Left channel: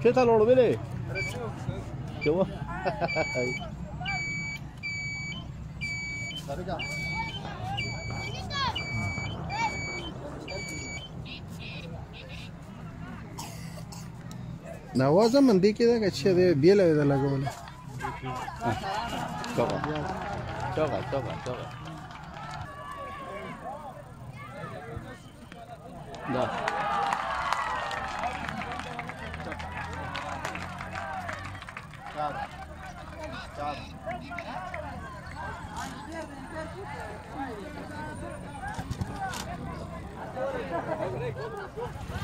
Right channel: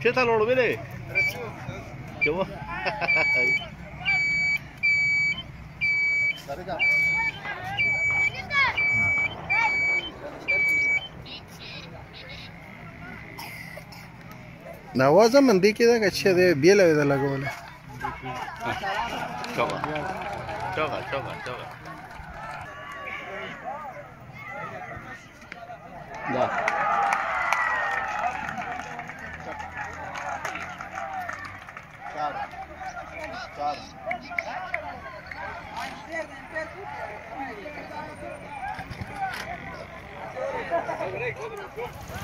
¿Qué tal, Lolo? Mire. ¿Qué vos? نوازه من دی کې دا چې دی بیله ده لګوله Choca. Ya.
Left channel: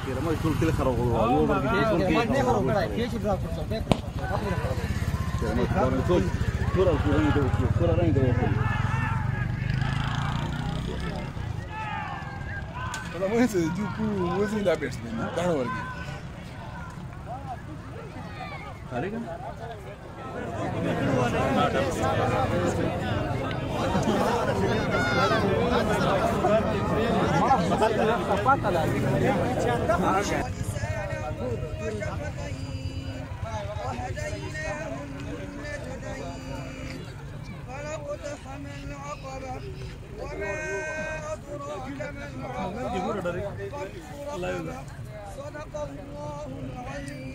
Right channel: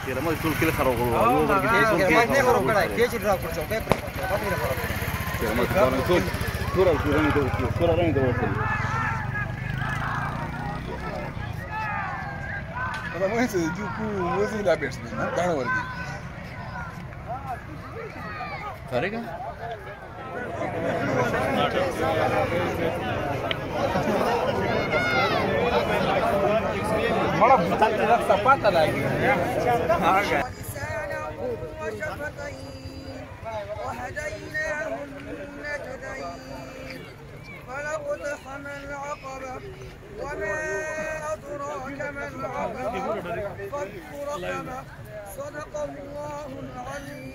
Kira-kira itu kira karo gol. Kalau mau sejuku, mesti dah beres ni. Tahu lagi. Hari kan? Sepatah lagi. فلقتحم العقبة وما أدراك ما العقبة فك رقبة صدق الله العظيم.